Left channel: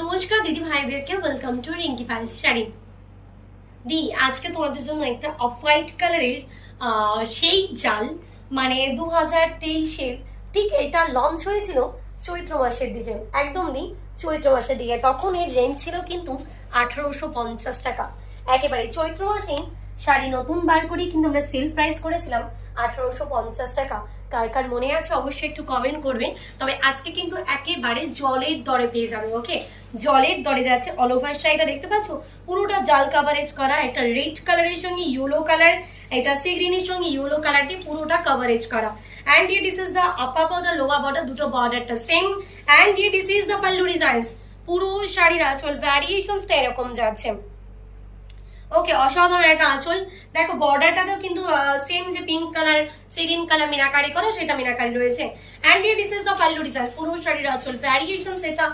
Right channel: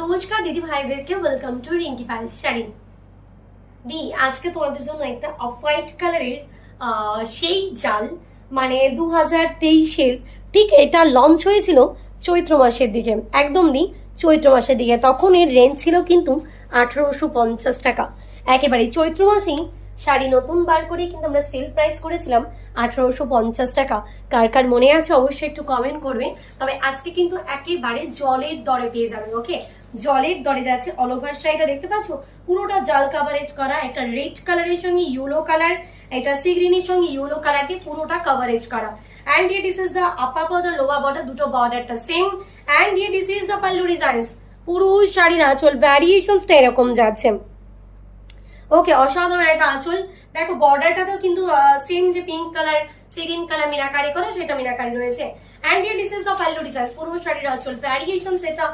নমস্কার দিদি ভাইদেরকে, ওয়েলকাম টু রিঙ্কি পাইলস শাড়ি। দি আজকে তোমাদের জন্য একটা অফ হোয়াইট কালারের সেই জাল, মানে 2023-এর ঠিক এটা লঞ্চ হয়েছিল চৈত্র মাসের দিকে, একদম দি চৈত্র মাসের দিকে। তখন এর রেঞ্জ ছিল কিন্তু 1850 টাকা। একেবারে চৈত্র মাসেই শাড়ি নতুন বার করে কিন্তু আমরা সেল প্রাইস করেছিলাম 1850 টাকা। কার কার মনে আছে অবশ্যই একটু কমেন্ট করবে। তবে আজকে কিন্তু একেবারে জলের দরে পেয়ে যাবে। ওকে, জলের দরে যাচ্ছে। অল ওভার শাড়িটা দেখতে পাচ্ছ পুরোটা জাল কাভারেজ করা, একটা রেড কালারের সঙ্গে ইয়েলো কালার, এটা সি গ্রিনের সঙ্গে ইয়েলো কালারটি পুরোটা কাভারেজ করা। and here this is the upper border, lower border, দুটো বর্ডারটা same. and here this is the pallu designs। পুরো শাড়ির আঁচল ভ্যারিয়েশনসটা এরকম যাচ্ছে। ওকে, অসাধারণ একটা আঁচল। দেখো বর্ডারটাতেও কিন্তু সেম যে pink colour Sirin colour meenakari করা, সেটা মিনাকারি রয়েছে। and here this is the pallu designs। পুরো শাড়ির আঁচল ভ্যারিয়েশনস এটা